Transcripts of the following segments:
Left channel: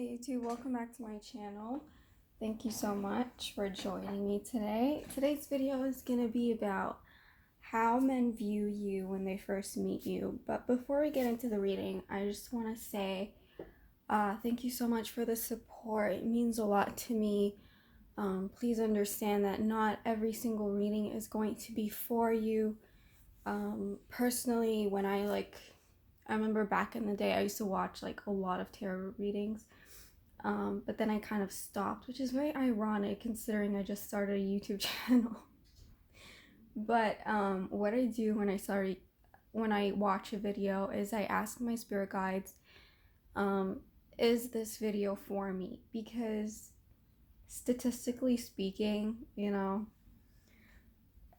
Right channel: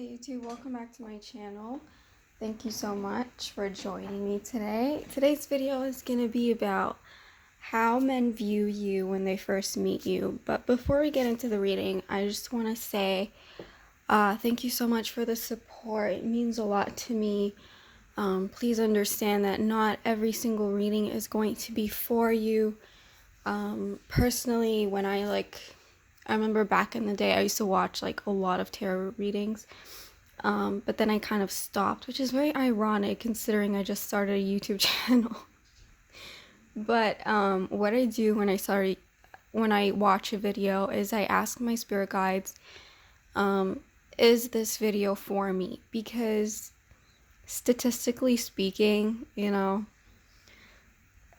Hey YouTube, welcome back to my channel. Thank you so much for joining me today. Today's video is going to be about how men view you when they first meet you. But before we get into the reading, I just want to say thank you so much for the support. It means a lot to me. Please understand that not every single reading is going to be for you. Personally, when I remember back in the day, I used to watch like a lot of tarot readings, but then I kind of stopped, which is very ironic considering I just started a YouTube channel. But what I do when I watch a video is I ask my spirit guides, is this video for me? Because statistically speaking,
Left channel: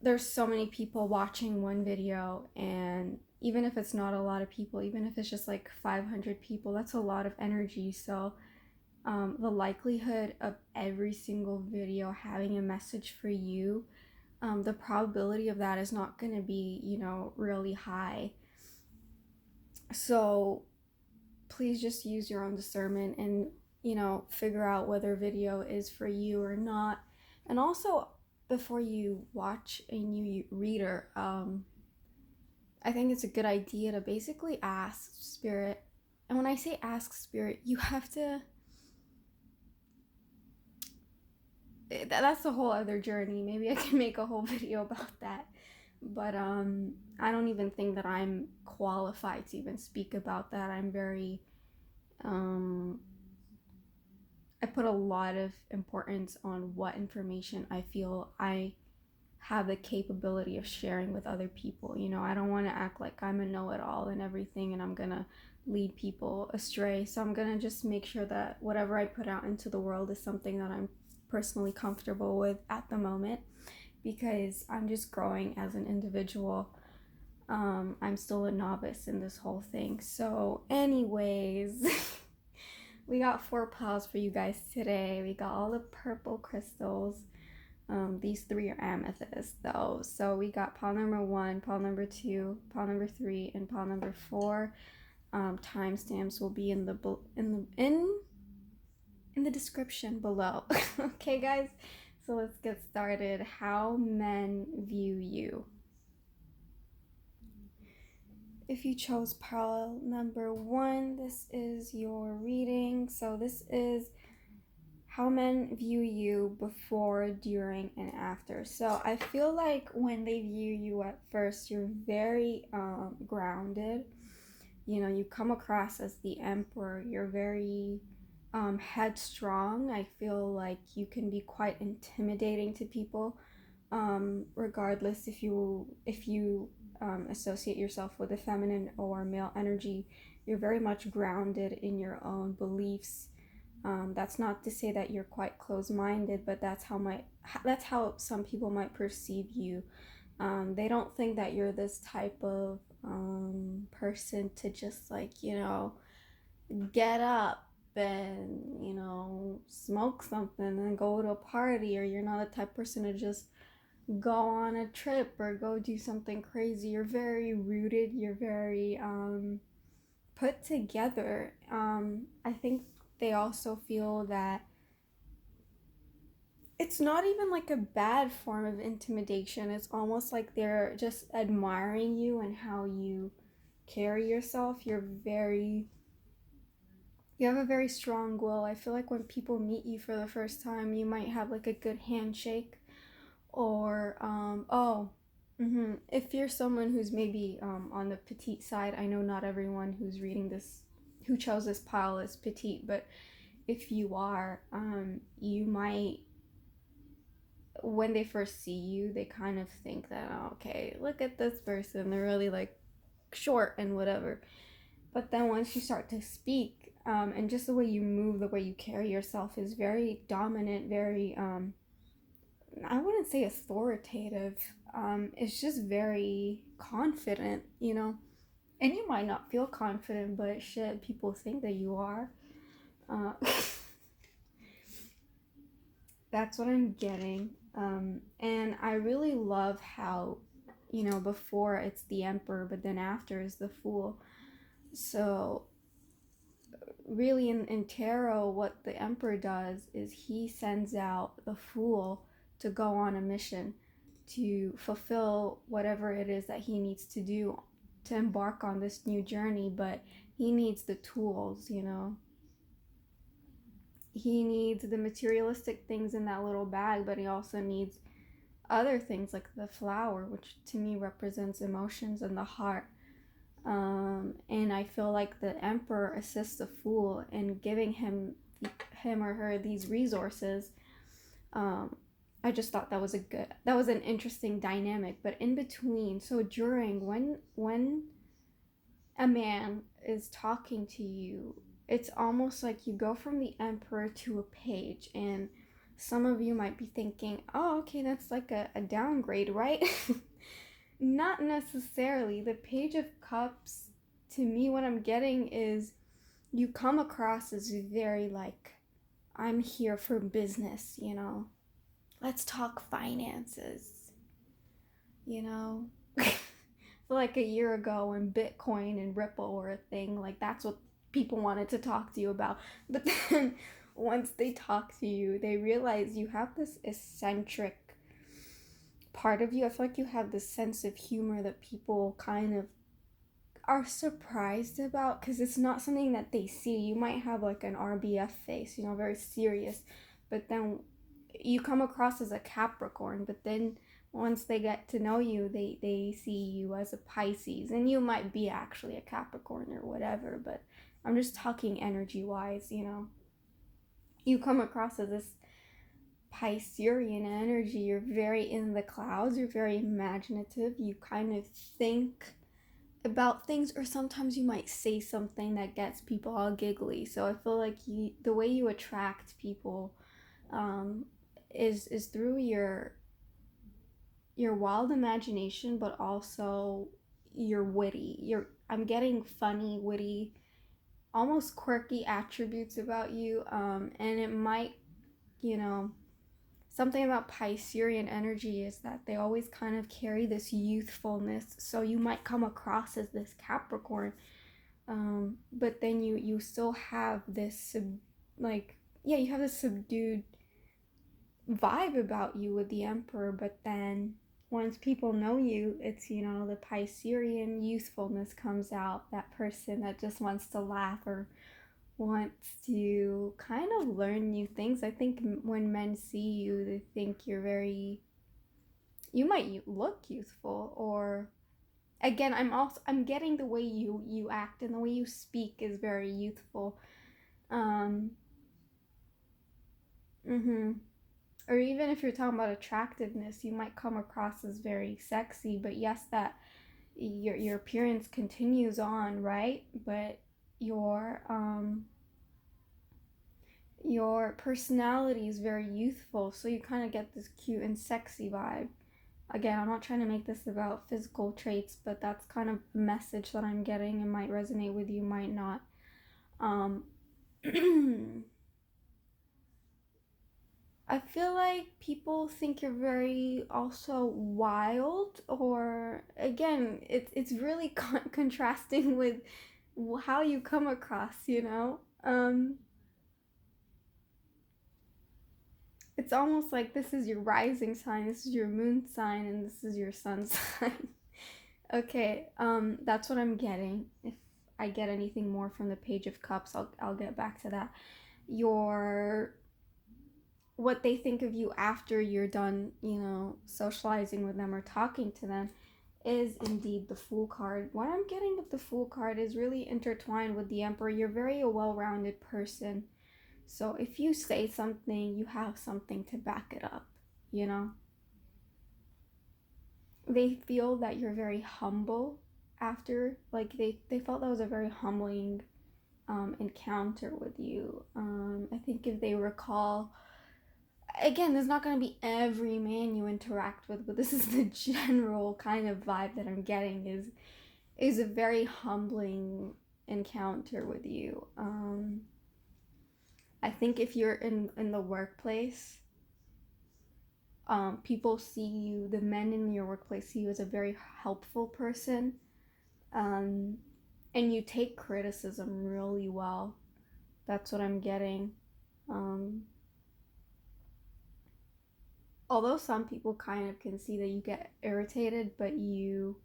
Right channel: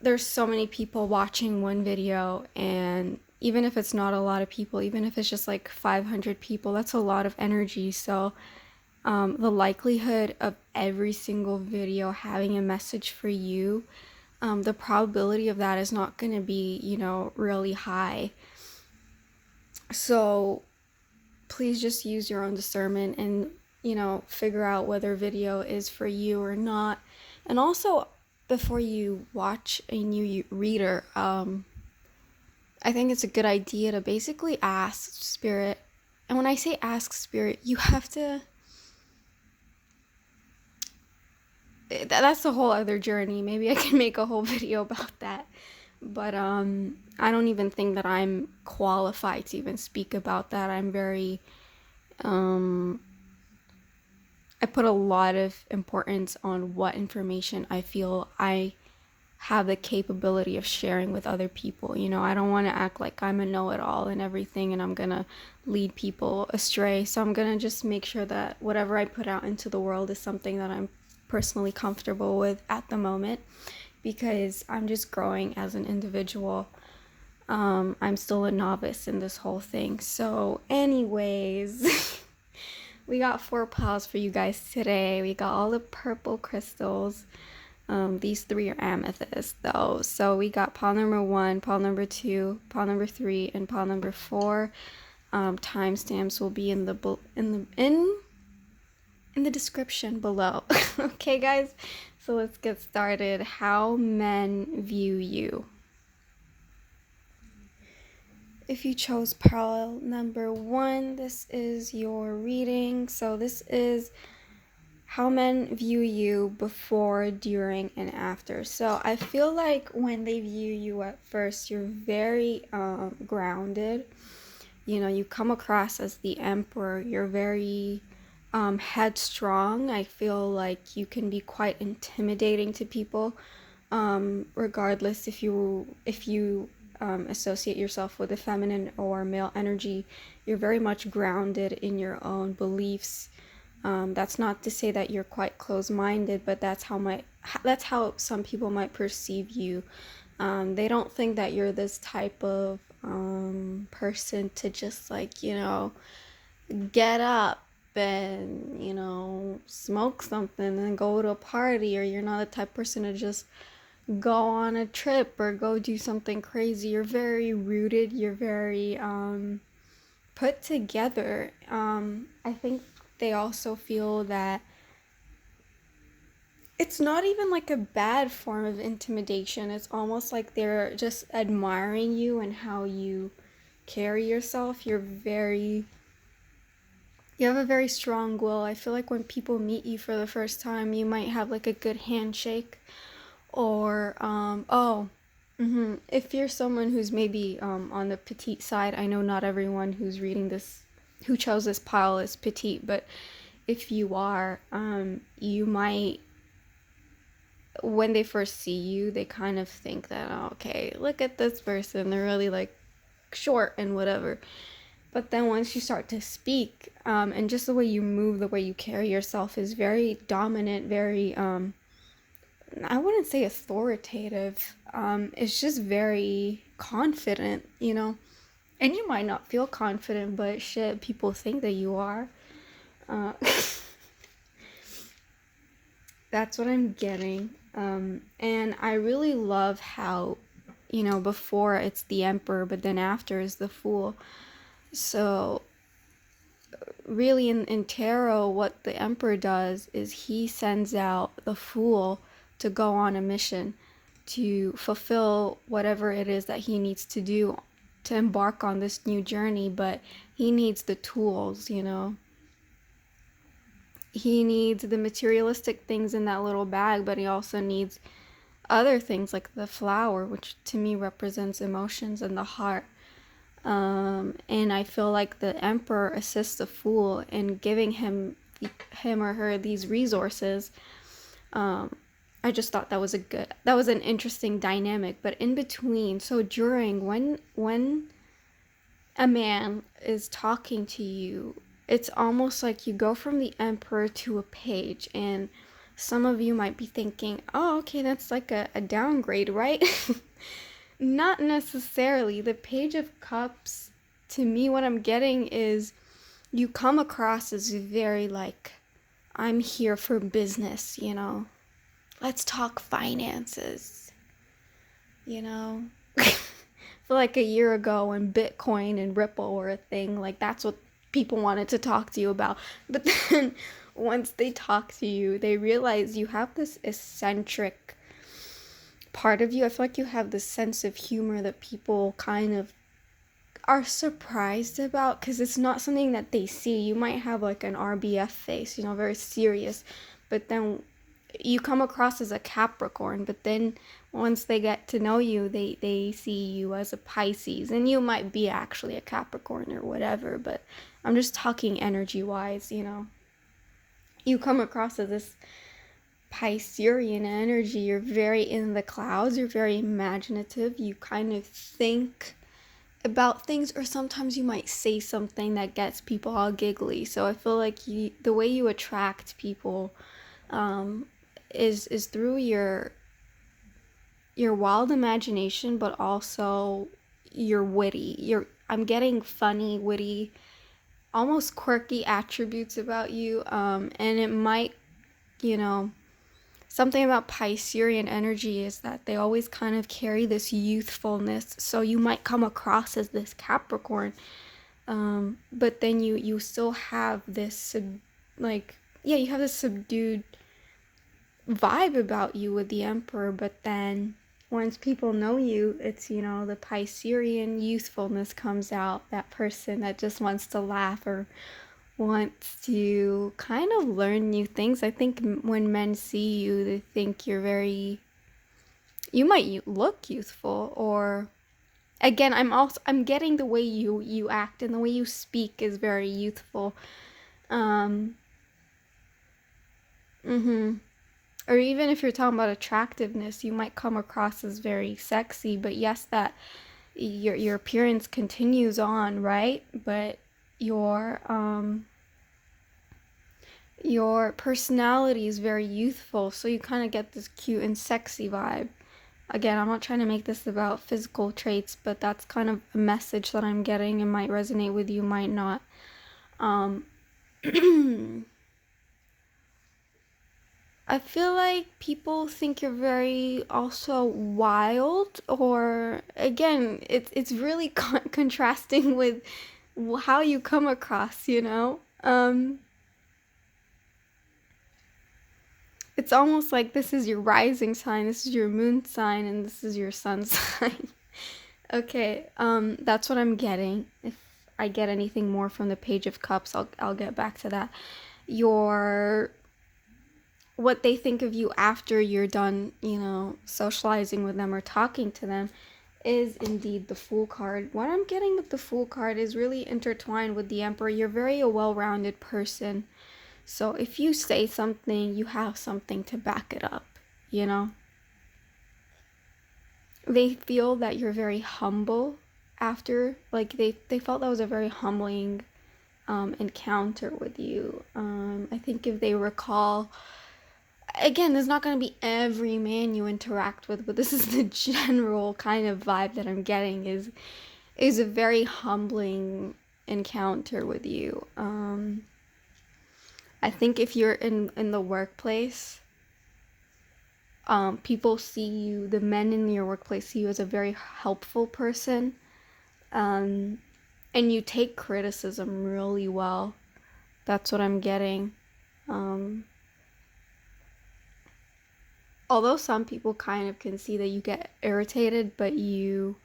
there's so many people watching one video, and even if it's not a lot of people, even if it's just like 500 people, that's a lot of energy. So the likelihood of every single video having a message for you, the probability of that is not going to be, really high. So please just use your own discernment and, figure out whether video is for you or not. And also, before you watch a new reader, I think it's a good idea to basically ask spirit. And when I say ask spirit, you have to, that's a whole other journey. Maybe I can make a whole video about that. But I don't even think that I'm qualified to even speak about that. I'm very, I put a lot of importance on what information I feel I have the capability of sharing with other people. I don't want to act like I'm a know-it-all and everything and I'm gonna lead people astray. So I'm gonna just make sure that whatever I put out into the world is something that I'm personally comfortable with at the moment, because I'm just growing as an individual. I'm still a novice in this whole thing. So anyways, we got 4 piles for you guys today. We got all the purple crystals. These 3 are amethyst though. So we got pile number 1, pile number 2, pile number 3, and pile number 4. Timestamps will be in the description below. Okay guys, so let's get started. How men view you. If you chose pile number 1, this is your reading. So this is how men view you before, during, and after. So I feel like when they view you at first, you're very grounded. You come across as the emperor. You're very headstrong. I feel like you can be quite intimidating to people, regardless if you associate yourself with a feminine or male energy. You're very much grounded in your own beliefs. That's not to say that you're quite closed-minded, but that's how some people might perceive you. They don't think that you're this type of person to just get up and smoke something and go to a party, or you're not the type of person to just go on a trip or go do something crazy. You're very rooted. You're very put together. I think they also feel that it's not even like a bad form of intimidation. It's almost like they're just admiring you and how you carry yourself. You have a very strong will. I feel like when people meet you for the first time, you might have like a good handshake, or if you're someone who's maybe on the petite side. I know not everyone who's reading this, who chose this pile, is petite, but if you are, you might, when they first see you, they kind of think that, oh, okay, look at this person, they're really like short and whatever. But then once you start to speak, and just the way you move, the way you carry yourself is very dominant, very I wouldn't say authoritative. It's just very confident, and you might not feel confident, but shit, people think that you are. That's what I'm getting. And I really love how, before it's the emperor, but then after is the fool. So really in tarot, what the Emperor does is he sends out the Fool to go on a mission to fulfill whatever it is that he needs to do to embark on this new journey, but he needs the tools, you know. He needs the materialistic things in that little bag, but he also needs other things like the flower, which to me represents emotions and the heart. And I feel like the Emperor assists the Fool in giving him or her these resources. I just thought that was an interesting dynamic. But in between, so during when a man is talking to you, it's almost like you go from the Emperor to a page, and some of you might be thinking, oh, okay, that's like a downgrade, right? Not necessarily. The Page of Cups, to me, what I'm getting is you come across as very like, I'm here for business, you know? Let's talk finances, you know? For like a year ago when Bitcoin and Ripple were a thing, like that's what people wanted to talk to you about. But then once they talk to you, they realize you have this eccentric part of you. I feel like you have this sense of humor that people kind of are surprised about because it's not something that they see. You might have like an RBF face, you know, very serious, but then you come across as a Capricorn, but then once they get to know you, they see you as a Pisces, and you might be actually a Capricorn or whatever, but I'm just talking energy wise, you know. You come across as this Piscean energy. You're very in the clouds, you're very imaginative, you kind of think about things, or sometimes you might say something that gets people all giggly. So I feel like the way you attract people is through your wild imagination, but also you're witty. I'm getting funny, witty, almost quirky attributes about you, and it might, you know, something about Piscean energy is that they always kind of carry this youthfulness. So you might come across as this Capricorn, but then you still have this you have this subdued vibe about you with the Emperor. But then once people know you, it's, you know, the Piscean youthfulness comes out, that person that just wants to laugh or wants to kind of learn new things. I think when men see you, they think you might look youthful, or again, I'm getting the way you act and the way you speak is very youthful. Um mhm. Or even if you're talking about attractiveness, you might come across as very sexy, but yes, that your appearance continues on, right? But your personality is very youthful, so you kind of get this cute and sexy vibe. Again, I'm not trying to make this about physical traits, but that's kind of a message that I'm getting. It might resonate with you, might not. I feel like people think you're very also wild, or again, it's really contrasting with how you come across, you know? It's almost like this is your rising sign, this is your moon sign, and this is your sun sign. Okay, that's what I'm getting. If I get anything more from the Page of Cups, I'll get back to that. What they think of you after you're done, you know, socializing with them or talking to them is indeed the Fool card. What I'm getting with the Fool card is really intertwined with the Emperor. You're very a well-rounded person. So if you say something, you have something to back it up, you know? They feel that you're very humble after, like they felt that was a very humbling encounter with you. I think if they recall, again, there's not going to be every man you interact with, but this is the general kind of vibe that I'm getting is a very humbling encounter with you. I think if you're in the workplace, people see you, the men in your workplace see you as a very helpful person, and you take criticism really well. That's what I'm getting. Although some people kind of can see that you get irritated, but you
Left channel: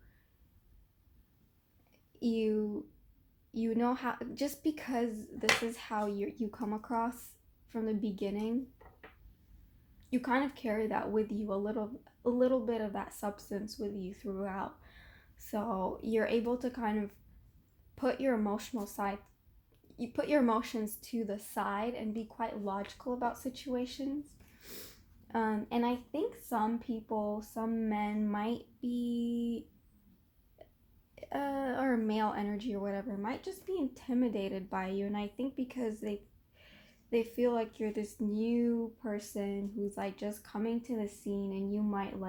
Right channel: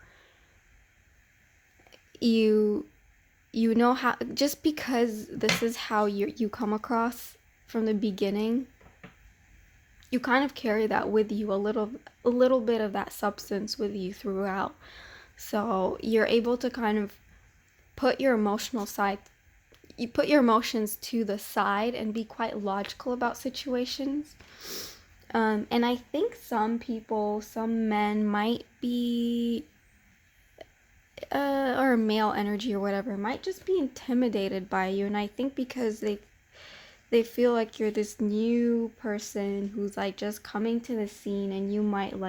know how, just because this is how you come across from the beginning, you kind of carry that with you, a little bit of that substance with you throughout. So you're able to kind of put your emotional side, you put your emotions to the side and be quite logical about situations. And I think some people, some men might be, or male energy or whatever, might just be intimidated by you. And I think because they feel like you're this new person who's like just coming to the scene, and you might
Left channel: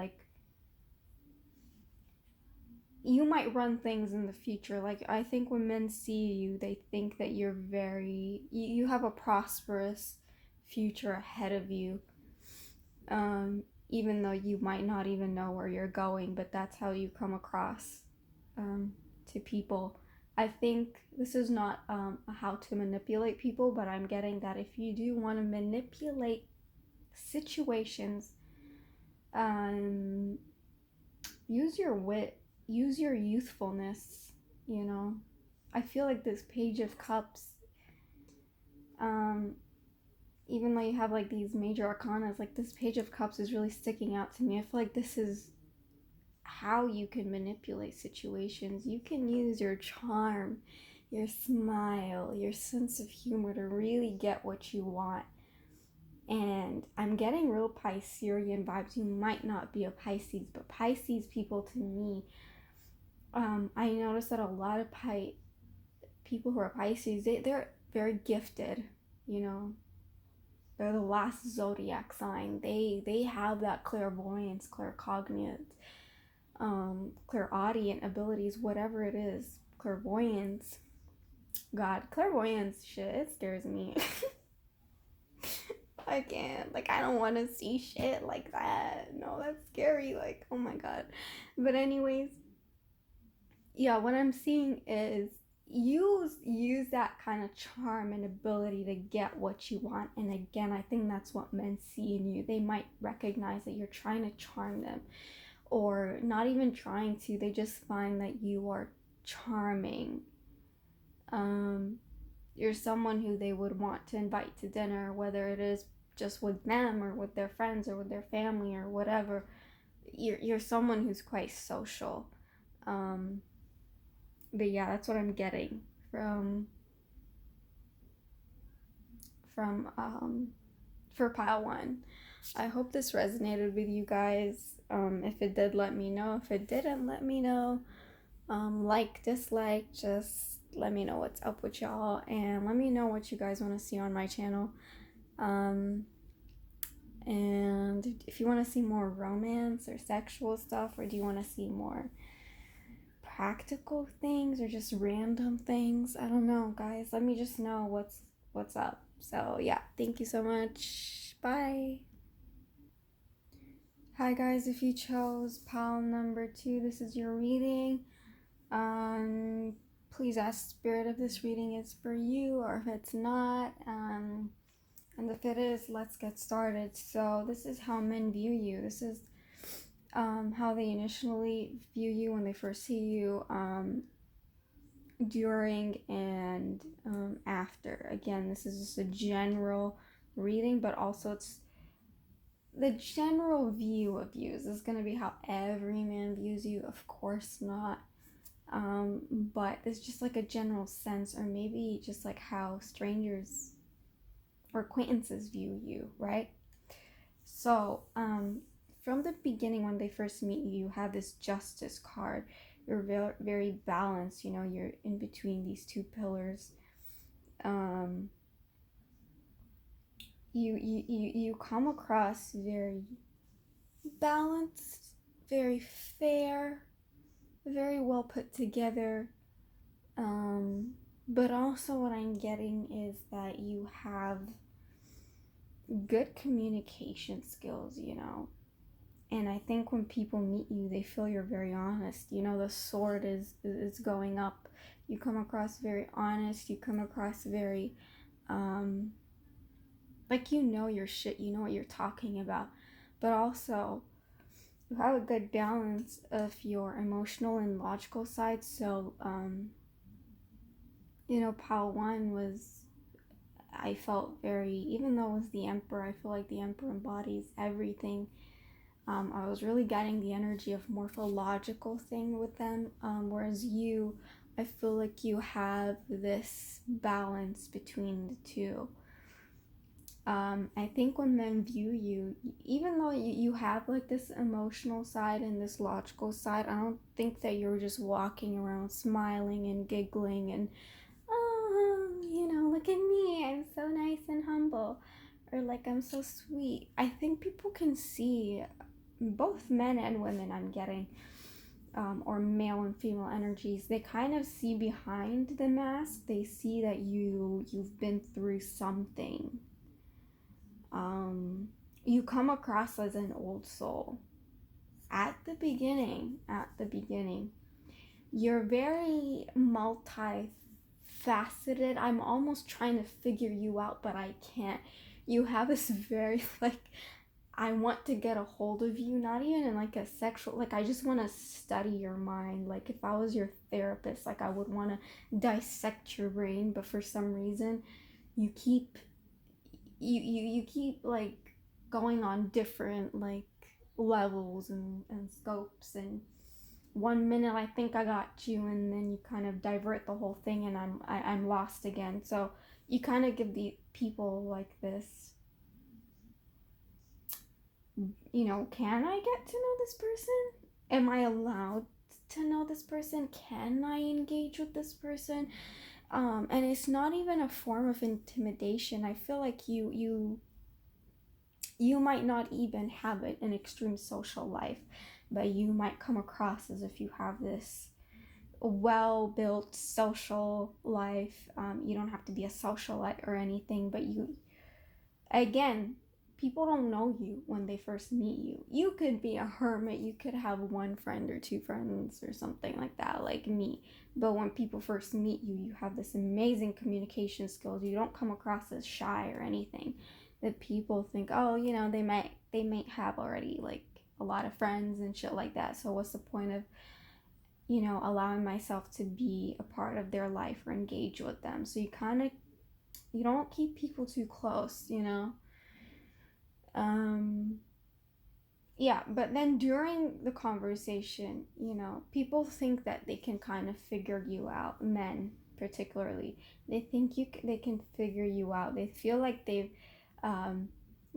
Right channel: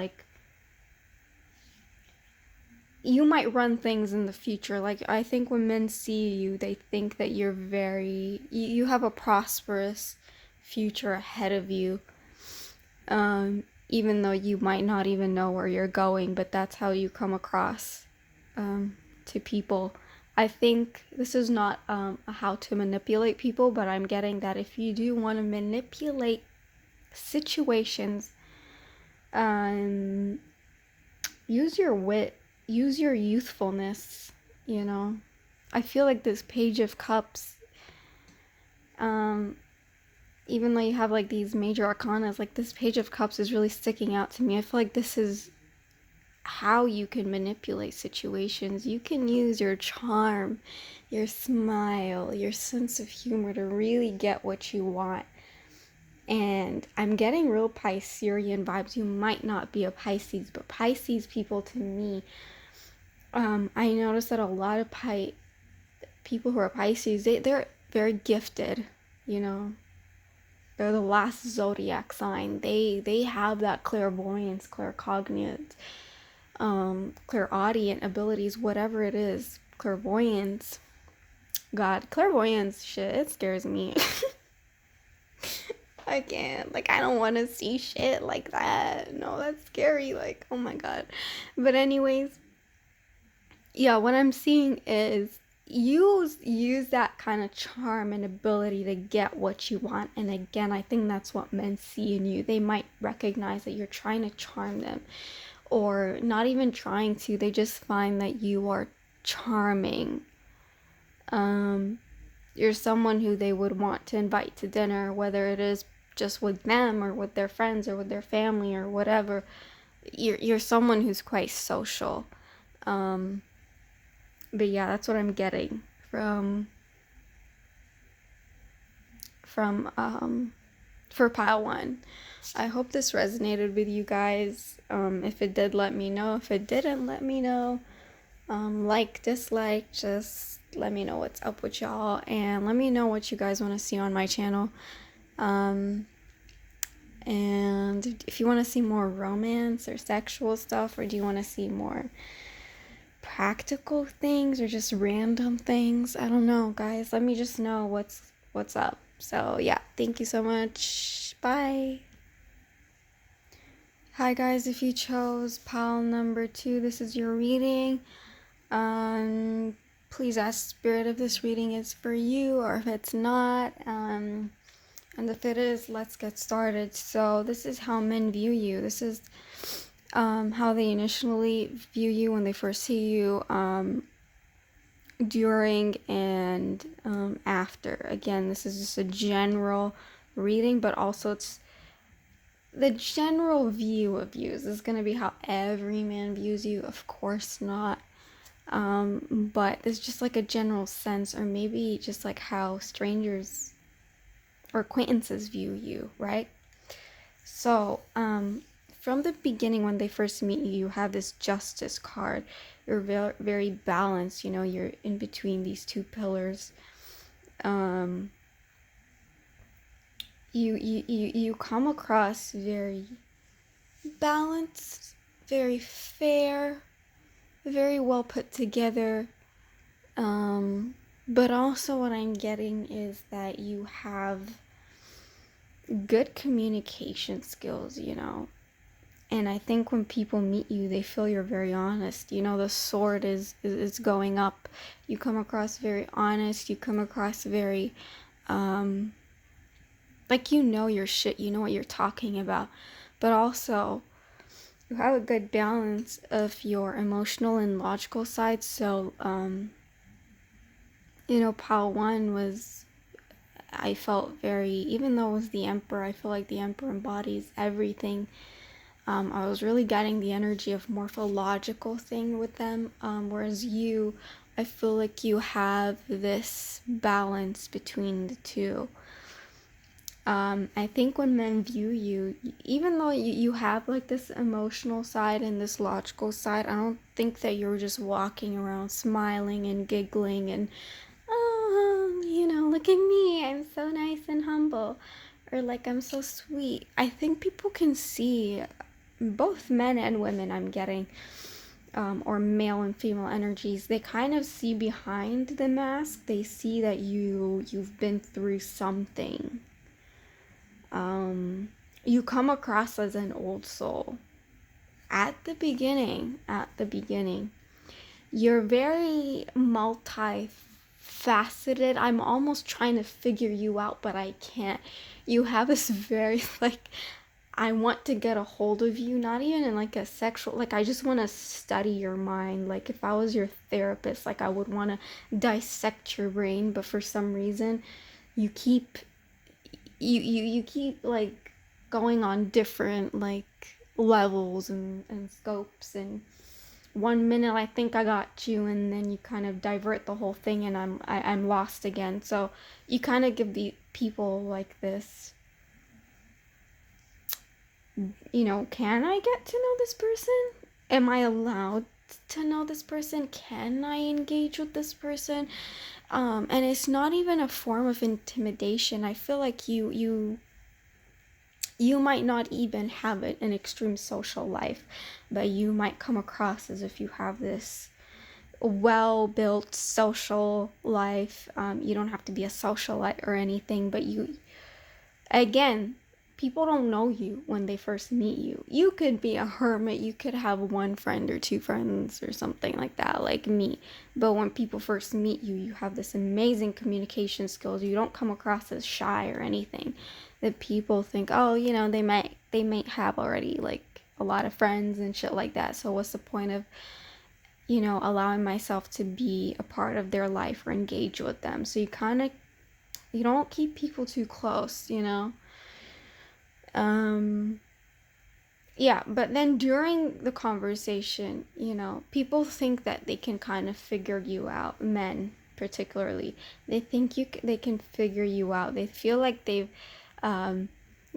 run things in the future. Like, I think when men see you, they think that you're you have a prosperous future ahead of you. Even though you might not even know where you're going, but that's how you come across to people. I think this is not how to manipulate people, but I'm getting that if you do want to manipulate situations, use your wit, use your youthfulness, you know. I feel like this Page of Cups, even though you have like these major arcanas, like this Page of Cups is really sticking out to me. I feel like this is how you can manipulate situations. You can use your charm, your smile, your sense of humor to really get what you want. And I'm getting real Piscean vibes. You might not be a Pisces, but Pisces people, to me, I noticed that a lot of people who are Pisces, they're very gifted, you know. They're the last zodiac sign. They have that clairvoyance, claircognizance, clairaudient abilities, whatever it is. Clairvoyance. God, clairvoyance, shit, it scares me. I can't. Like, I don't want to see shit like that. No, that's scary. Like, oh my god. But anyways, yeah, what I'm seeing is use that kind of charm and ability to get what you want. And again, I think that's what men see in you. They might recognize that you're trying to charm them, or not even trying to. They just find that you are charming. You're someone who they would want to invite to dinner, whether it is just with them or with their friends or with their family or whatever. You're someone who's quite social. But yeah, that's what I'm getting from for pile 1. I hope this resonated with you guys. If it did, let me know. If it didn't, let me know. Like, dislike, just let me know what's up with y'all, and let me know what you guys want to see on my channel. And if you want to see more romance or sexual stuff, or do you want to see more practical things or just random things, I don't know, guys. Let me just know what's up. So yeah, thank you so much. Bye. Hi guys, if you chose pile number 2, this is your reading. Please ask Spirit if this reading is for you, or if it's not. And if it is, let's get started. So this is how men view you. This is how they initially view you when they first see you, during and after. Again, this is just a general reading, but also it's the general view of you. This is going to be how every man views you? Of course not. But it's just like a general sense, or maybe just like how strangers or acquaintances view you, right? So, from the beginning, when they first meet you, you have this Justice card. You're very, very balanced, you know, you're in between these two pillars. You come across very balanced, very fair, very well put together. But also what I'm getting is that you have good communication skills, you know. And I think when people meet you, they feel you're very honest. You know, the sword is going up. You come across very honest. You come across very Like, you know your shit, you know what you're talking about, but also you have a good balance of your emotional and logical side. So pile one was, I felt very, even though it was the emperor, I feel like the emperor embodies everything. I was really getting the energy of morphological thing with them, whereas you, I feel like you have this balance between the two. I think when men view you, even though you have like this emotional side and this logical side, I don't think that you're just walking around smiling and giggling and, oh, look at me, I'm so nice and humble, or like I'm so sweet. I think people can see, both men and women, I'm getting, or male and female energies, they kind of see behind the mask. They see that you've been through something. You come across as an old soul at the beginning. You're very multifaceted. I'm almost trying to figure you out, but I can't. You have this very, like, I want to get a hold of you, not even in like a sexual, like, I just want to study your mind. Like, if I was your therapist, like, I would want to dissect your brain, but for some reason you keep you keep like going on different like levels and scopes, and 1 minute I think I got you, and then you kind of divert the whole thing, and I'm lost again. So you kind of give the people like this, can I get to know this person? Am I allowed to know this person? Can I engage with this person? And it's not even a form of intimidation. I feel like you might not even have an extreme social life, but you might come across as if you have this well-built social life. You don't have to be a socialite or anything, but again, people don't know you when they first meet you. You could be a hermit, you could have one friend or two friends or something like that, like me. But when people first meet you, you have this amazing communication skills. You don't come across as shy or anything. That people think, oh, they might have already like a lot of friends and shit like that. So what's the point of, allowing myself to be a part of their life or engage with them? So you don't keep people too close, yeah, but then during the conversation, people think that they can kind of figure you out. Men particularly, they think they can figure you out. They feel like they've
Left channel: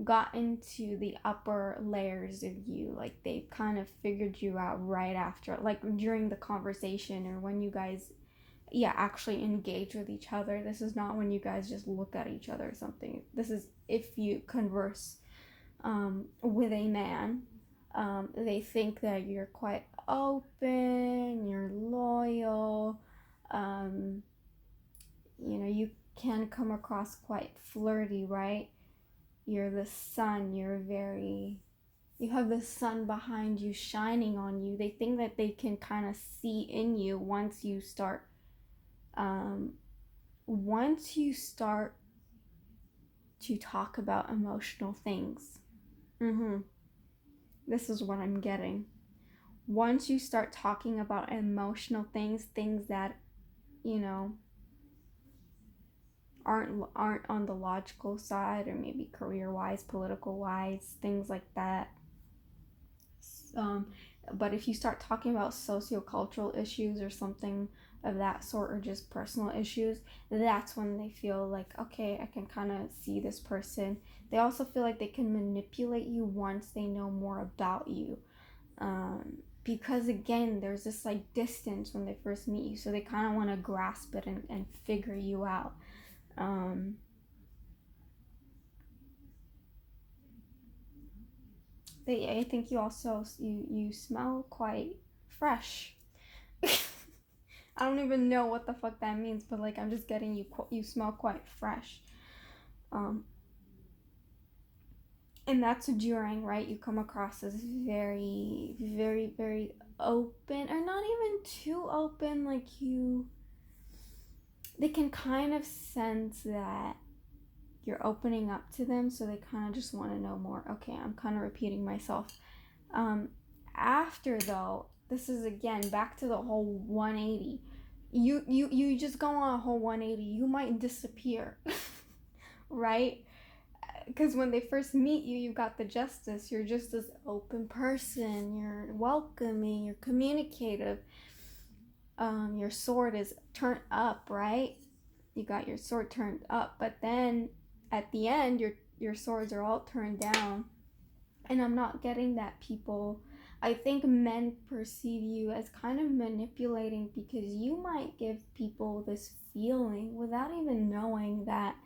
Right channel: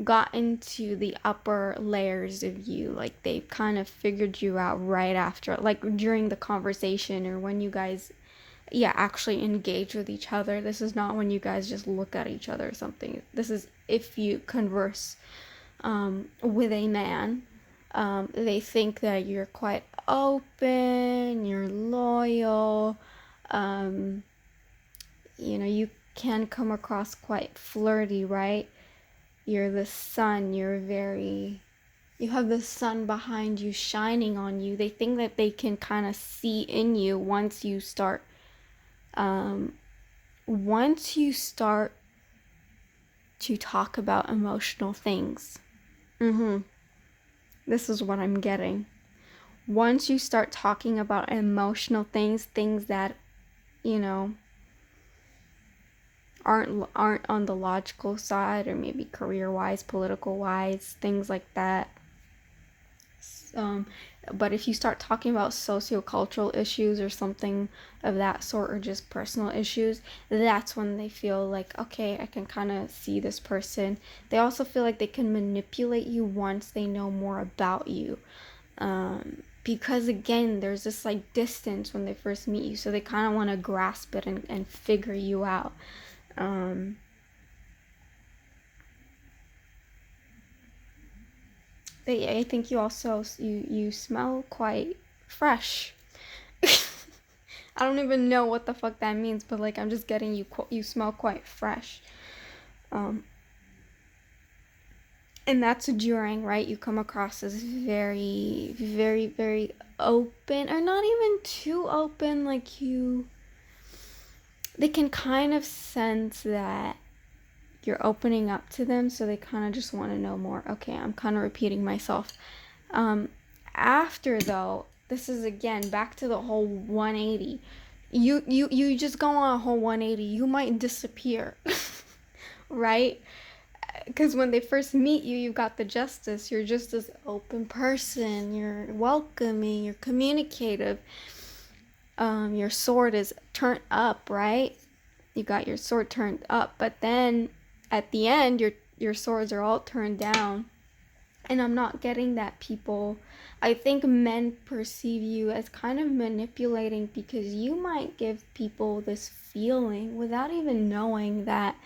gotten to the upper layers of you, like they've kind of figured you out right after, like during the conversation, or when you guys actually engage with each other. This is not when you guys just look at each other or something. This is if you converse with a man. They think that you're quite open, you're loyal, you can come across quite flirty, right? You're the sun, you have the sun behind you shining on you. They think that they can kind of see in you once you start to talk about emotional things. This is what I'm getting. Once you start talking about emotional things that, aren't on the logical side, or maybe career-wise, political-wise, things like that. But if you start talking about sociocultural issues or something of that sort, or just personal issues, that's when they feel like, okay, I can kind of see this person. They also feel like they can manipulate you once they know more about you. Because again, there's this like distance when they first meet you, so they kind of want to grasp it and figure you out. I think you also you smell quite fresh. I don't even know what the fuck that means, but like I'm just getting you smell quite fresh. And that's during, right? You come across as very, very, very open, or not even too open. Like they can kind of sense that you're opening up to them, so they kind of just want to know more. Okay, I'm kind of repeating myself. After, though, this is again back to the whole 180. You just go on a whole 180, you might disappear. Right? Because when they first meet you, you got the justice. You're just this open person. You're welcoming. You're communicative. Your sword is turned up, right? You got your sword turned up, but then at the end, your swords are all turned down. And I'm not getting that, people. I think men perceive you as kind of manipulating, because you might give people this feeling without even knowing that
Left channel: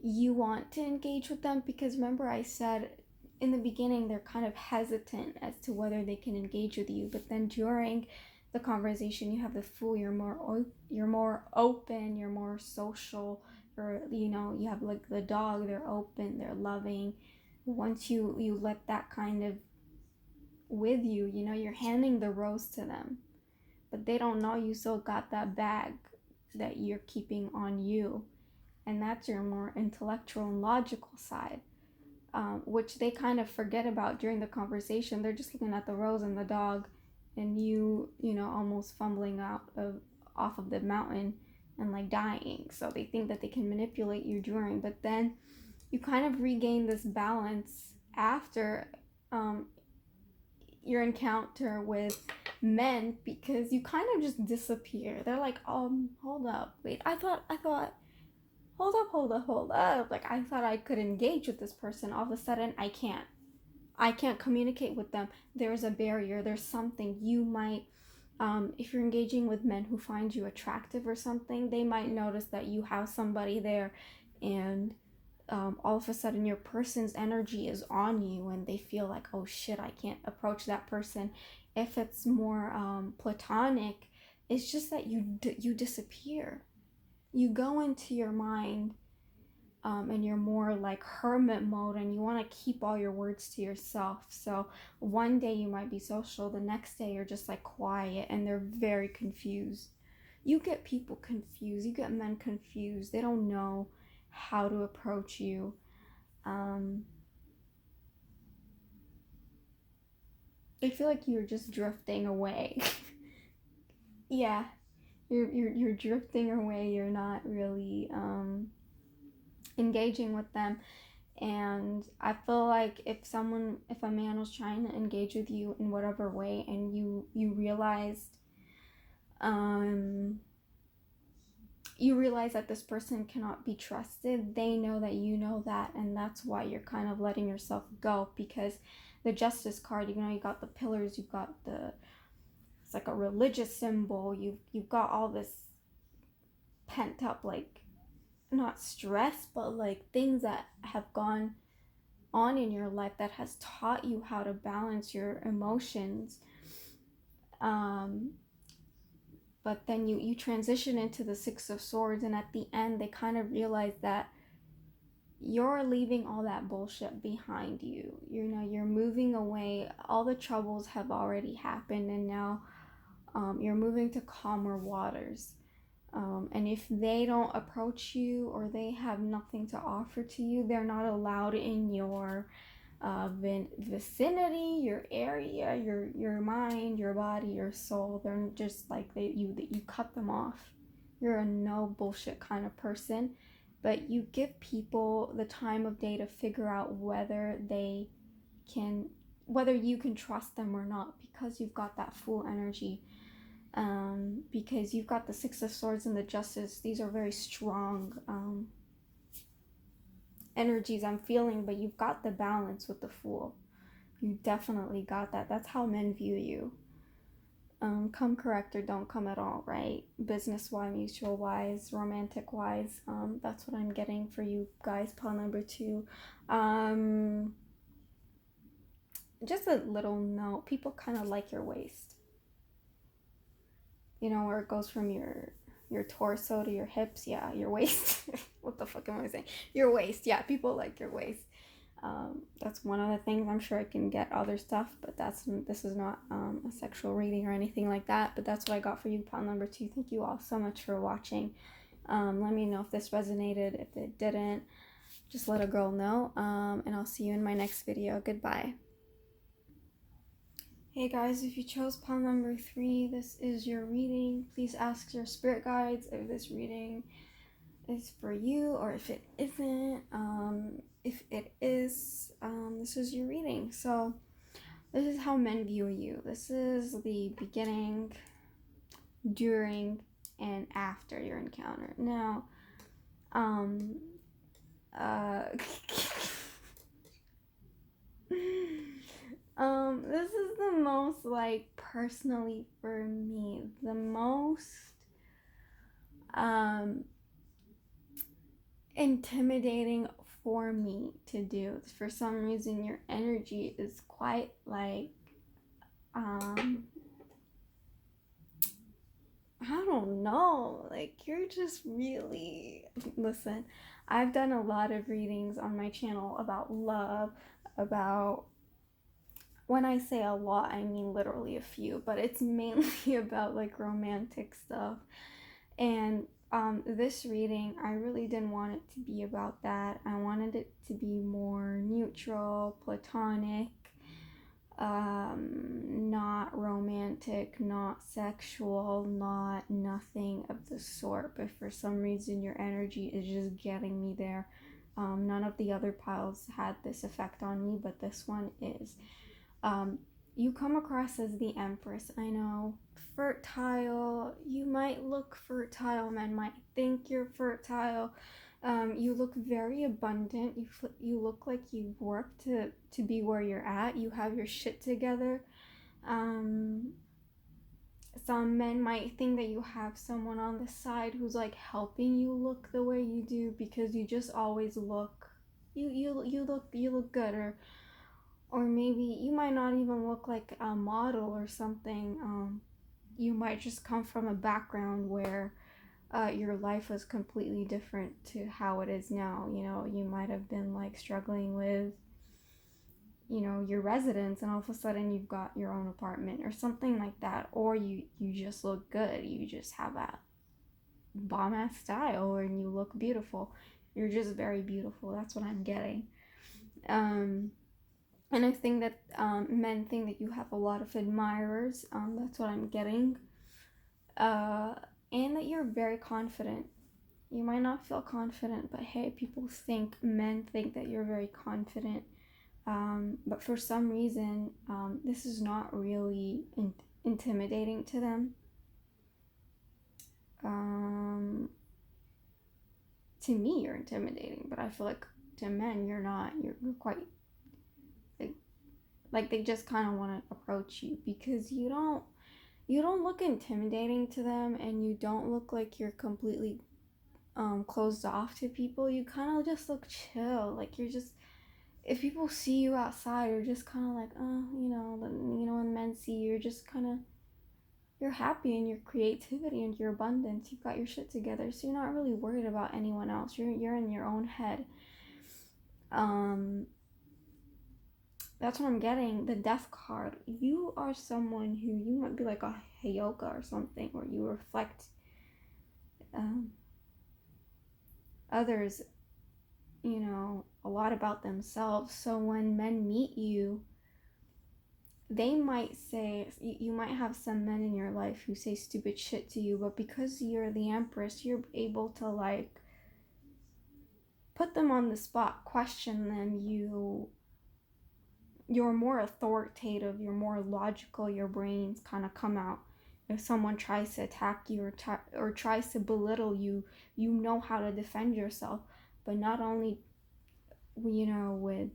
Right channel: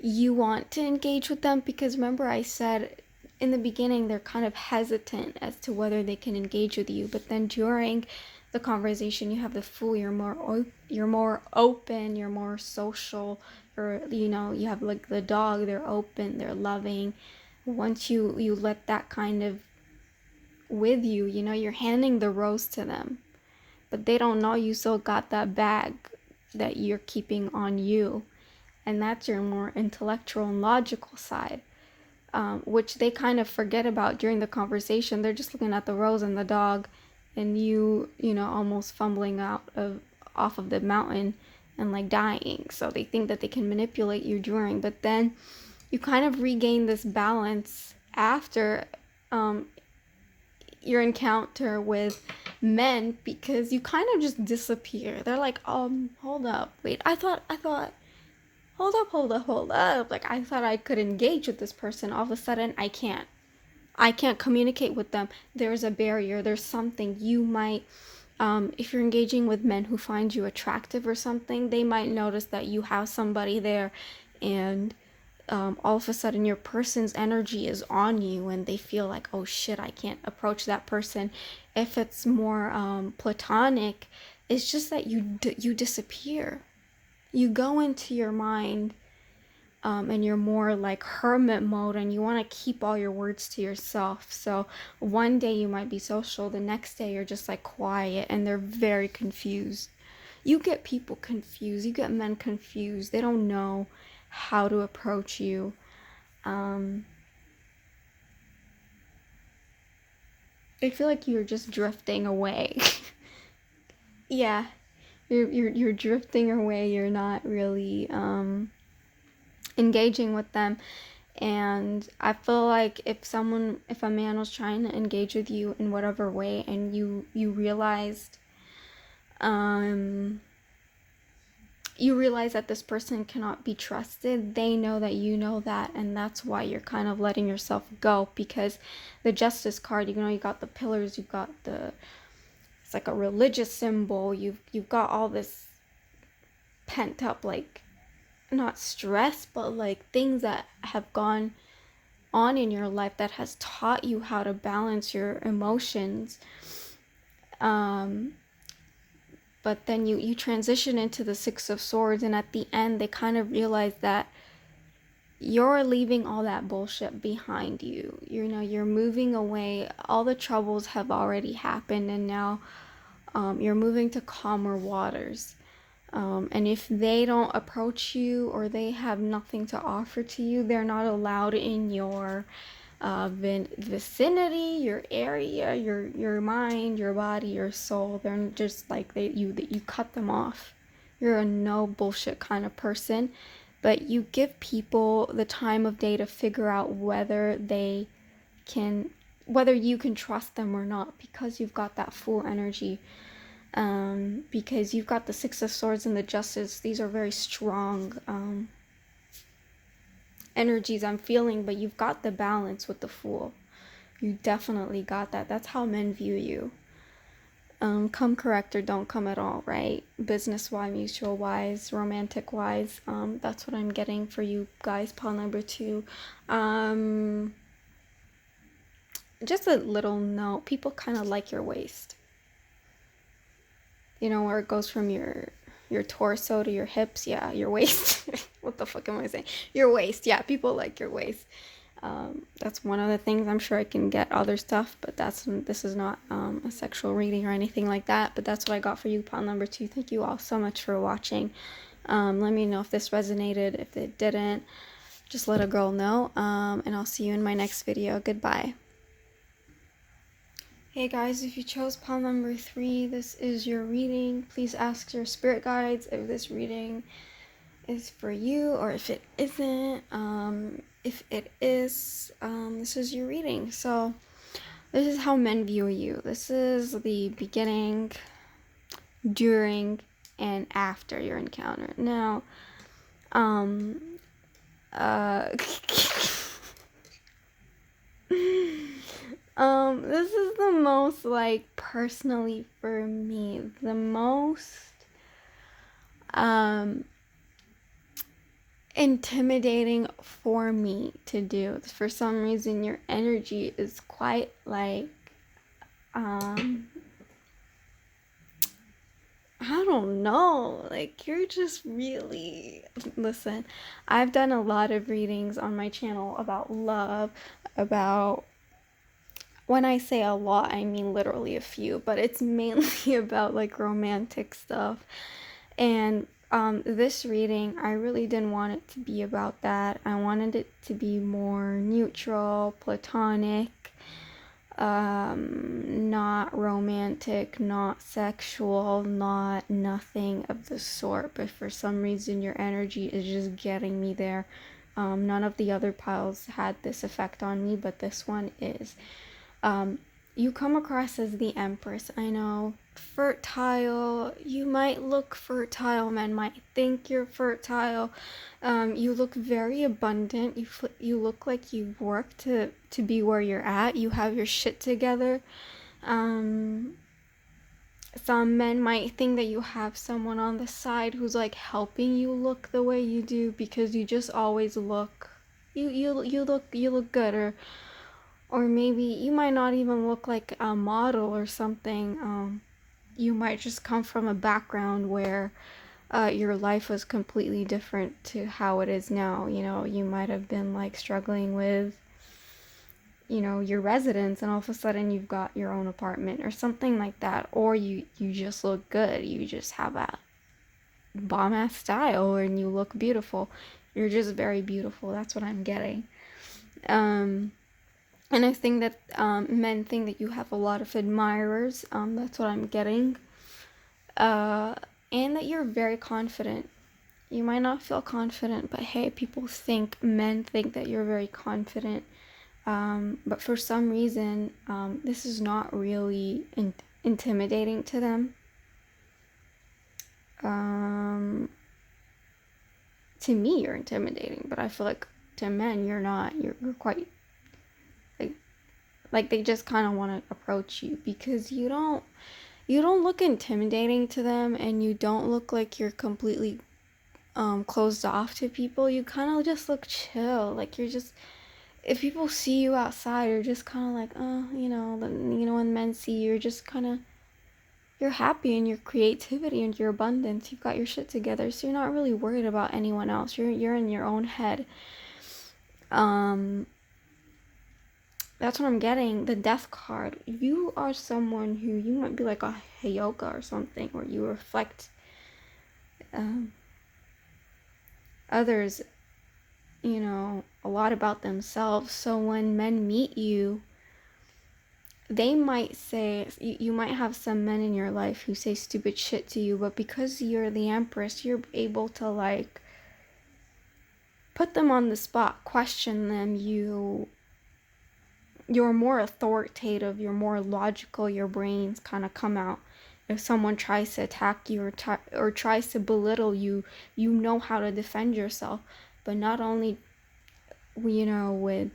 you want to engage with them. Because remember, I said in the beginning they're kind of hesitant as to whether they can engage with you, but then during the conversation you have the Fool. You're more open, you're more social, or you have like the Dog. They're open, they're loving. Once you let that kind of with you, you're handing the rose to them, but they don't know you still got that bag that you're keeping on you. And that's your more intellectual and logical side, which they kind of forget about during the conversation. They're just looking at the rose and the Dog, and you almost fumbling off of the mountain and like dying. So they think that they can manipulate you during, but then you kind of regain this balance after your encounter with men, because you kind of just disappear. They're like, hold up, wait, I thought hold up, like I thought I could engage with this person. All of a sudden I can't communicate with them. There's a barrier, there's something. You might if you're engaging with men who find you attractive or something, they might notice that you have somebody there, and all of a sudden your person's energy is on you, and they feel like, oh shit, I can't approach that person. If it's more platonic, it's just that you disappear. You go into your mind, and you're more like hermit mode, and you want to keep all your words to yourself. So one day you might be social, the next day you're just like quiet, and they're very confused. You get people confused, you get men confused. They don't know how to approach you. They feel like you're just drifting away. Yeah, you're drifting away. You're not really engaging with them. And I feel like if a man was trying to engage with you in whatever way, and you realized that this person cannot be trusted, they know that you know that, and that's why you're kind of letting yourself go. Because the Justice card, you got the pillars, you've got it's like a religious symbol, you've got all this pent up, like, not stress, but like things that have gone on in your life that has taught you how to balance your emotions. But then you transition into the Six of Swords, and at the end they kind of realize that you're leaving all that bullshit behind you. You're moving away. All the troubles have already happened, and now you're moving to calmer waters. And if they don't approach you, or they have nothing to offer to you, they're not allowed in your vicinity, your area, your mind, your body, your soul. They're just like you cut them off. You're a no bullshit kind of person, but you give people the time of day to figure out whether you can trust them or not, because you've got that Fool energy. Because you've got the Six of Swords and the Justice. These are very strong energies I'm feeling, but you've got the balance with the Fool. You definitely got that. That's how men view you. Come correct or don't come at all, right? Business-wise, mutual-wise, romantic-wise. That's what I'm getting for you guys. Pile number 2. Just a little note. People kind of like your waist. Where it goes from your torso to your hips. Yeah, your waist. What the fuck am I saying? Your waist. Yeah, people like your waist. That's one of the things. I'm sure I can get other stuff, but this is not a sexual reading or anything like that. But that's what I got for you, pile number 2. Thank you all so much for watching. Let me know if this resonated. If it didn't, just let a girl know. And I'll see you in my next video. Goodbye. Hey guys, if you chose pile number 3, this is your reading. Please ask your spirit guides if this reading is for you or if it isn't. If it is, this is your reading. So this is how men view you. This is the beginning, during, and after your encounter. Now, this is the most, like, personally for me, the most, intimidating for me to do. For some reason, your energy is quite, like, I don't know, like, you're just really, listen, I've done a lot of readings on my channel about love, about, when I say a lot, I mean literally a few, but it's mainly about, like, romantic stuff. And this reading, I really didn't want it to be about that. I wanted it to be more neutral, platonic, not romantic, not sexual, not nothing of the sort. But for some reason, your energy is just getting me there. None of the other piles had this effect on me, but this one is. You come across as the Empress. I know, fertile. You might look fertile. Men might think you're fertile. You look very abundant. You look like you work to be where you're at. You have your shit together. Some men might think that you have someone on the side who's, like, helping you look the way you do, because you just always look. You look good, or maybe you might not even look like a model or something. You might just come from a background where your life was completely different to how it is now. You know, you might have been, like, struggling with, you know, your residence, and all of a sudden you've got your own apartment or something like that. Or you just look good. You just have a bomb-ass style and you look beautiful. You're just very beautiful. That's what I'm getting. And I think that men think that you have a lot of admirers. That's what I'm getting. And that you're very confident. You might not feel confident, but hey, men think that you're very confident. But for some reason, this is not really intimidating to them. To me, you're intimidating, but I feel like to men, you're not. You're quite... Like they just kind of want to approach you because you don't look intimidating to them, and you don't look like you're completely closed off to people. You kind of just look chill. Like you're just, if people see you outside, you're just kind of like, when men see you, you're just kind of, you're happy in your creativity and your abundance. You've got your shit together, so you're not really worried about anyone else. You're in your own head. That's what I'm getting. The Death card. You are someone who, you might be like a Heyoka or something, where you reflect others, a lot about themselves. So when men meet you, they might say, you might have some men in your life who say stupid shit to you, but because you're the Empress, you're able to, like, put them on the spot, question them. You're more authoritative, you're more logical, your brains kind of come out. If someone tries to attack you or tries to belittle you, you know how to defend yourself. But not only, with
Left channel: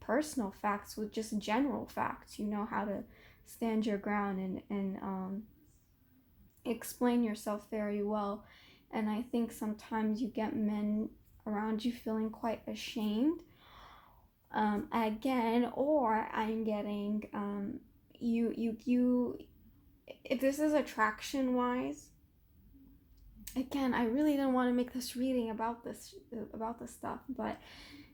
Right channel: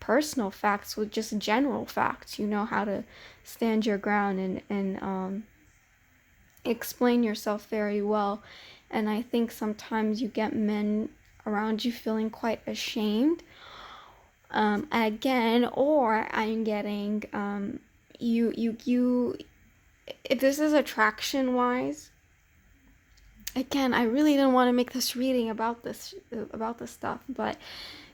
personal facts, with just general facts, you know how to stand your ground and explain yourself very well. And I think sometimes you get men around you feeling quite ashamed. Again, or I'm getting, if this is attraction wise, again, I really didn't want to make this reading about this stuff, but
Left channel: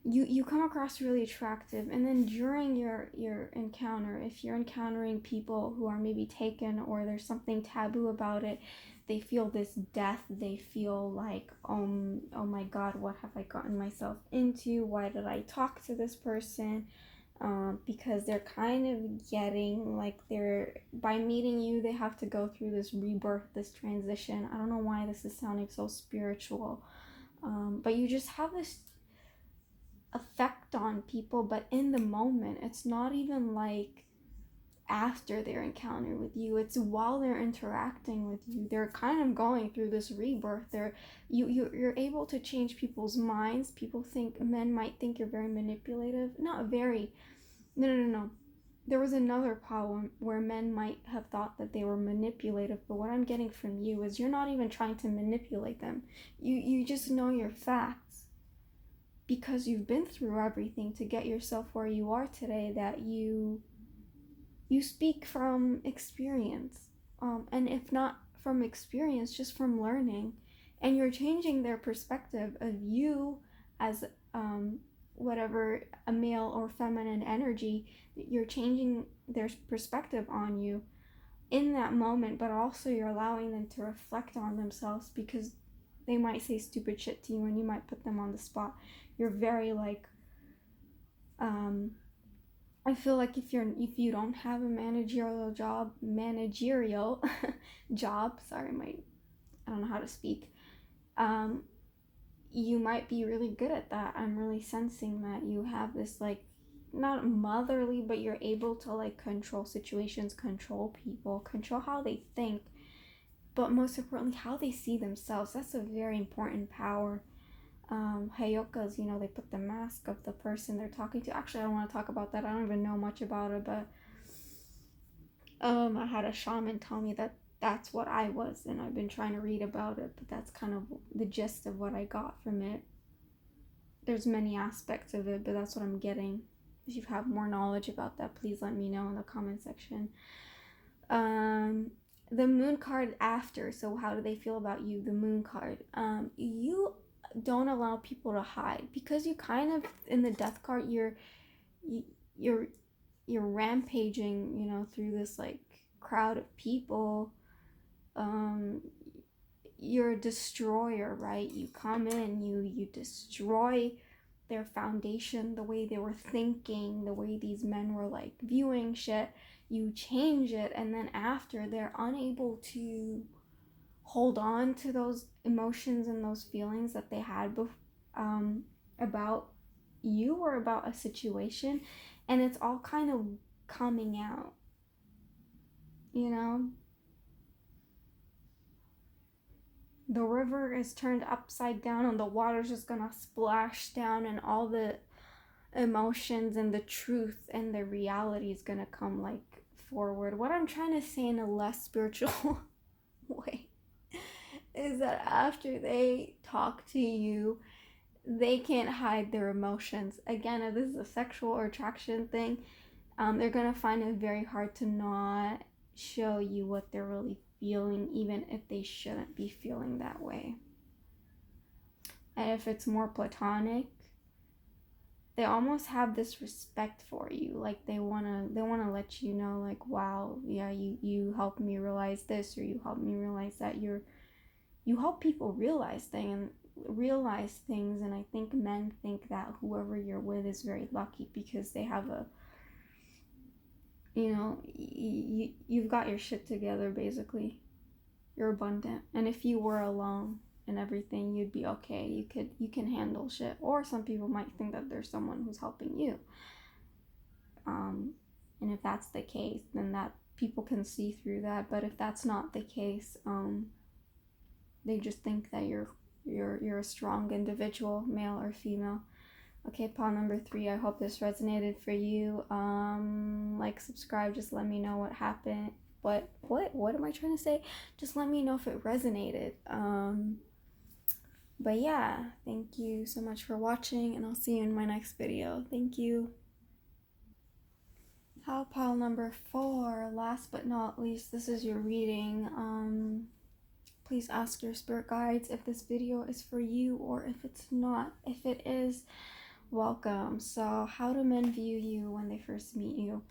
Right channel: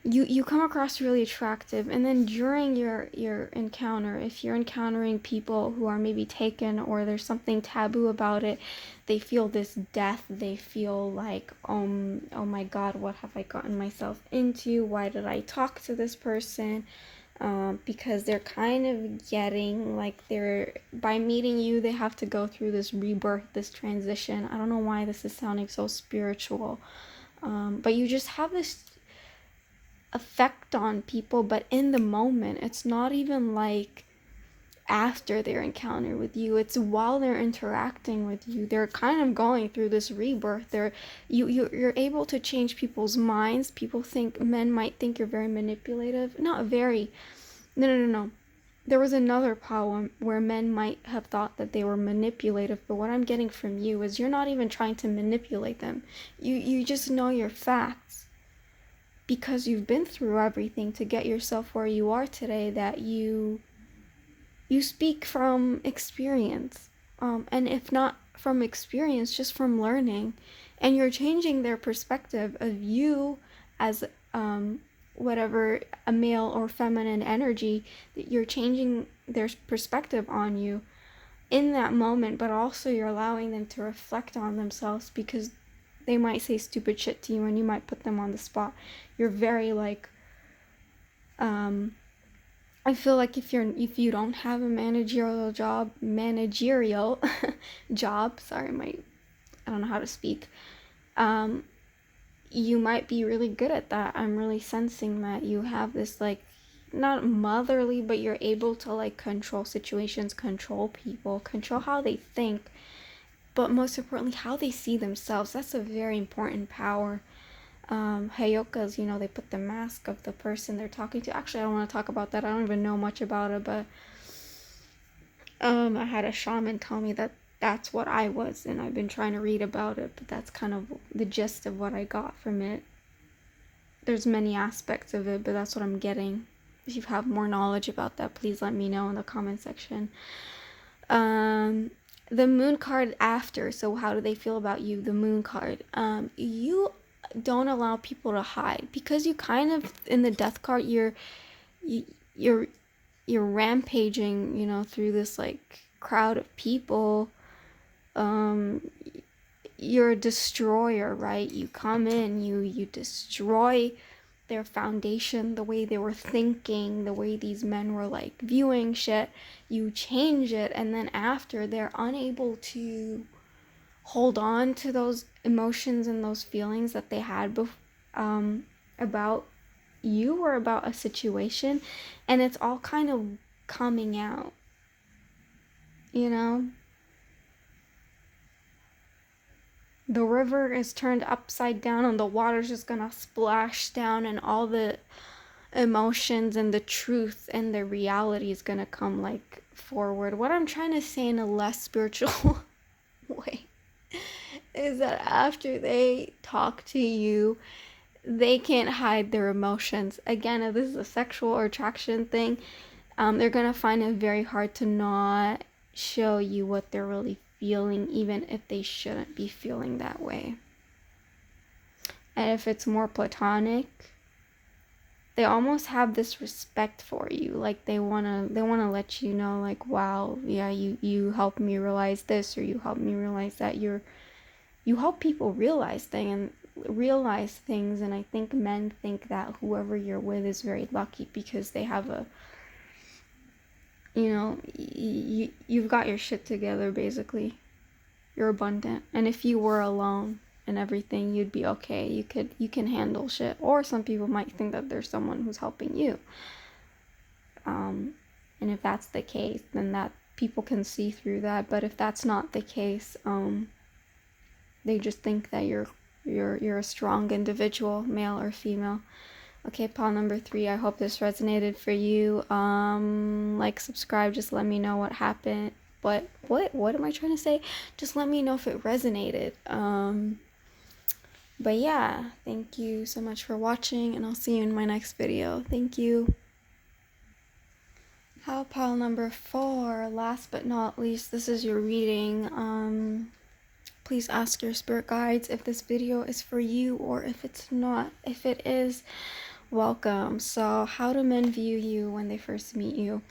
you come across really attractive, and then during your encounter, if you're encountering people who are maybe taken or there's something taboo about it, they feel this death, they feel like, oh my god, what have I gotten myself into, why did I talk to this person? Because they're kind of getting like, they're, by meeting you, they have to go through this rebirth, this transition. I don't know why this is sounding so spiritual, but you just have this effect on people, but in the moment, it's not even like after their encounter with you, it's while they're interacting with you, they're kind of going through this rebirth. You're able to change people's minds. People think, men might think you're very manipulative. Not very. No. There was another poem where men might have thought that they were manipulative, but what I'm getting from you is you're not even trying to manipulate them. You just know your facts, because you've been through everything to get yourself where you are today, that you speak from experience, and if not from experience, just from learning, and you're changing their perspective of you as whatever, a male or feminine energy, that you're changing their perspective on you in that moment, but also you're allowing them to reflect on themselves, because they might say stupid shit to you and you might put them on the spot. You're very like, I feel like if you don't have a managerial job, sorry, I don't know how to speak, you might be really good at that. I'm really sensing that you have this, like, not motherly, but you're able to like control situations, control people, control how they think, but most importantly how they see themselves. That's a very important power. Hayokas, they put the mask of the person they're talking to. Actually, I don't want to talk about that. I don't even know much about it, but I had a shaman tell me that that's what I was, and I've been trying to read about it, but that's kind of the gist of what I got from it. There's many aspects of it, but that's what I'm getting. If you have more knowledge about that, please let me know in the comment section. The moon card after, so how do they feel about you? The moon card, you don't allow people to hide, because you kind of, in the death card, you're rampaging, through this like crowd of people. You're a destroyer, right? You come in, you destroy their foundation, the way they were thinking, the way these men were like viewing shit. You change it, and then after, they're unable to hold on to those emotions and those feelings that they had about you or about a situation, and it's all kind of coming out, the river is turned upside down and the water's just gonna splash down, and all the emotions and the truth and the reality is gonna come like forward. What I'm trying to say in a less spiritual way is that after they talk to you, they can't hide their emotions. Again, if this is a sexual or attraction thing, they're gonna find it very hard to not show you what they're really feeling, even if they shouldn't be feeling that way. And if it's more platonic, they almost have this respect for you, like they want to let you know, like, wow, yeah, you helped me realize this, or you helped me realize that. You help people realize things, and I think men think that whoever you're with is very lucky, because they have a, you've got your shit together, basically. You're abundant, and if you were alone and everything, you'd be okay. You can handle shit. Or some people might think that there's someone who's helping you, and if that's the case, then that people can see through that. But if that's not the case, they just think that you're a strong individual, male or female. Okay, pile number 3, I hope this resonated for you. Like, subscribe, just let me know what happened. What am I trying to say? Just let me know if it resonated. But yeah, thank you so much for watching, and I'll see you in my next video. Thank you. Pile number 4, last but not least, this is your reading. Please ask your spirit guides if this video is for you, or if it's not. If it is, Welcome. So, how do men view you when they first meet you?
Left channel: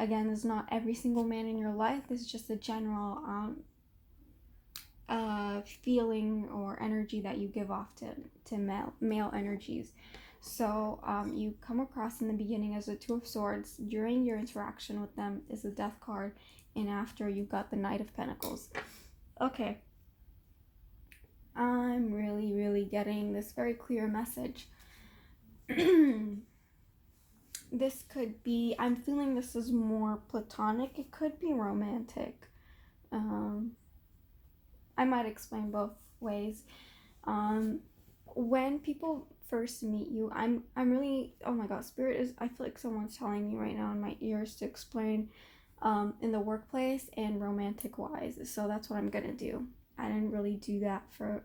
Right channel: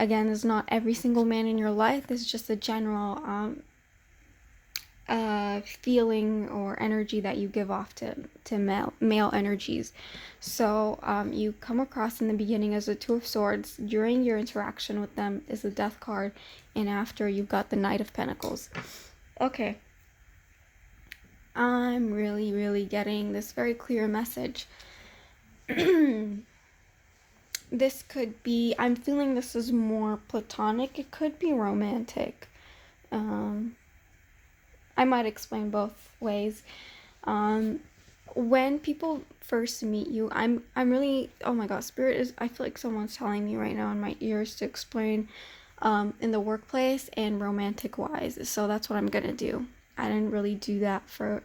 Again, it's not every single man in your life. It's just a general feeling or energy that you give off to male energies. So you come across in the beginning as a Two of Swords. During your interaction with them is the Death card, and after you've got the Knight of Pentacles. Okay. I'm really getting this very clear message. This could be, I'm feeling this is more platonic. It could be romantic. I might explain both ways. When people first meet you, I'm really, oh my god, Spirit is, I feel like someone's telling me right now in my ears to explain in the workplace and romantic wise. So that's what I'm gonna do. I didn't really do that for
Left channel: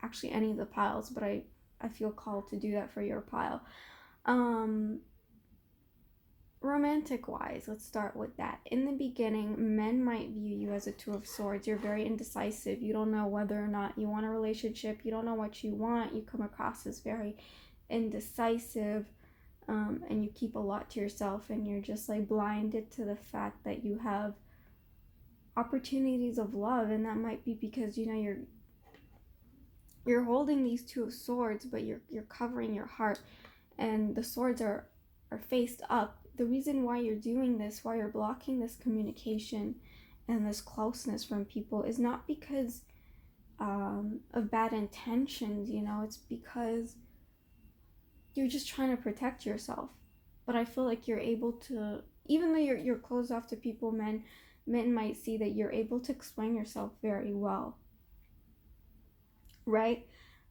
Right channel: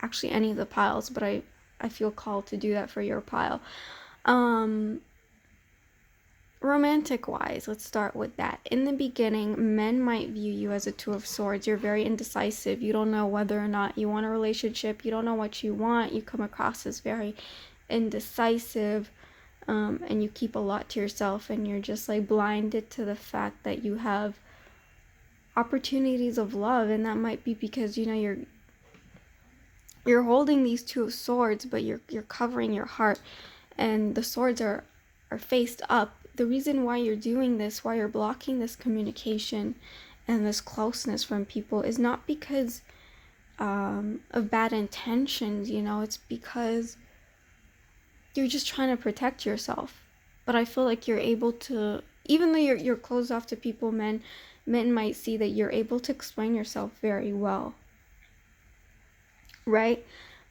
actually any of the piles, but I feel called to do that for your pile. Romantic wise, let's start with that. In the beginning, men might view you as a Two of Swords. You're very indecisive. You don't know whether or not you want a relationship. You don't know what you want. You come across as very indecisive, and you keep a lot to yourself, and you're just like blinded to the fact that you have opportunities of love. And that might be because, you know, you're holding these Two of Swords, but you're covering your heart, and the swords are faced up. The reason why you're doing this, why you're blocking this communication and this closeness from people, is not because of bad intentions, you know. It's because you're just trying to protect yourself. But I feel like you're able to, even though you're closed off to people, men might see that you're able to explain yourself very well, right?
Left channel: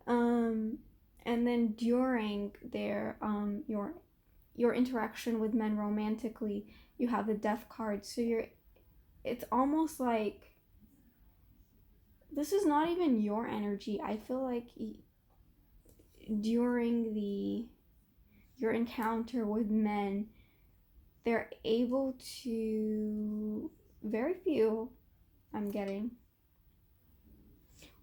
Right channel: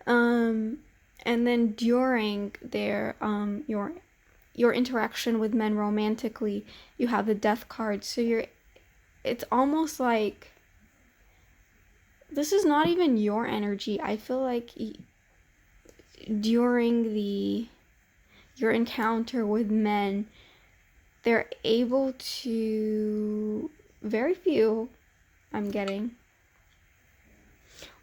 And then during their your interaction with men romantically, you have the Death card. So it's almost like this is not even your energy. I feel like during your encounter with men, they're able to, very few, I'm getting,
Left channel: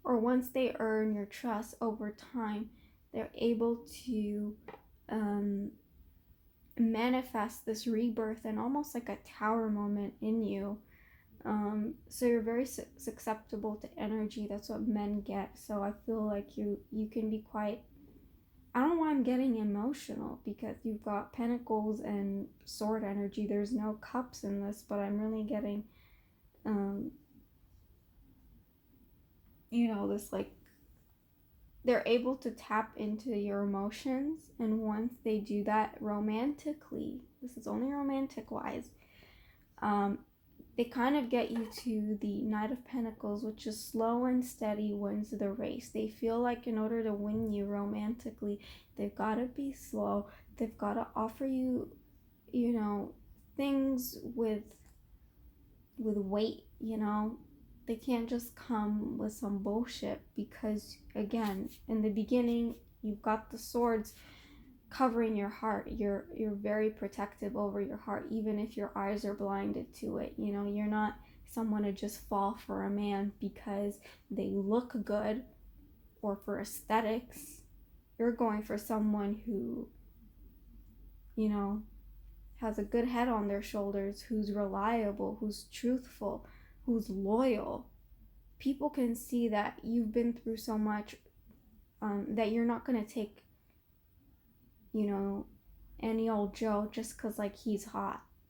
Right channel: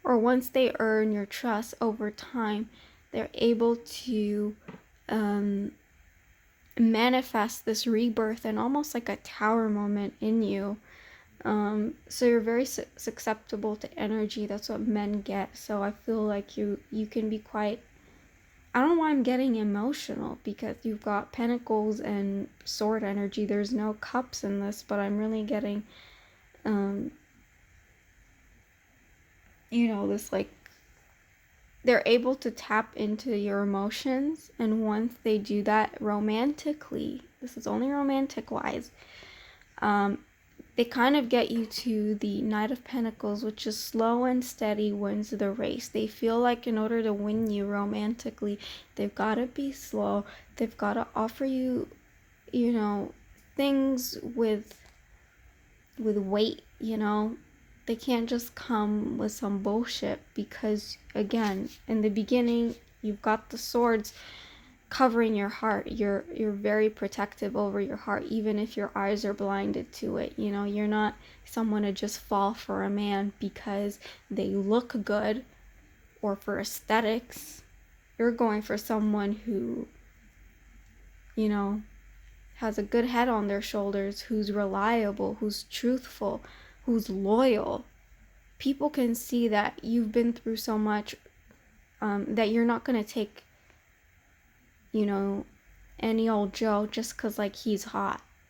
or once they earn your trust over time, they're able to manifest this rebirth and almost like a tower moment in you. So you're very susceptible to energy. That's what men get. So I feel like you can be quite, I don't know why I'm getting emotional, because you've got pentacles and sword energy. There's no cups in this, but I'm really getting you know, this like, they're able to tap into your emotions, and once they do that romantically, this is only romantic wise, they kind of get you to the Knight of Pentacles, which is slow and steady wins the race. They feel like in order to win you romantically, they've got to be slow. They've got to offer you, you know, things with weight, you know. They can't just come with some bullshit, because again, in the beginning, you've got the swords covering your heart. You're very protective over your heart, even if your eyes are blinded to it. You know, you're not someone to just fall for a man because they look good or for aesthetics. You're going for someone who, you know, has a good head on their shoulders, who's reliable, who's truthful, who's loyal. People can see that you've been through so much, that you're not going to take, you know, any old Joe just because like he's hot.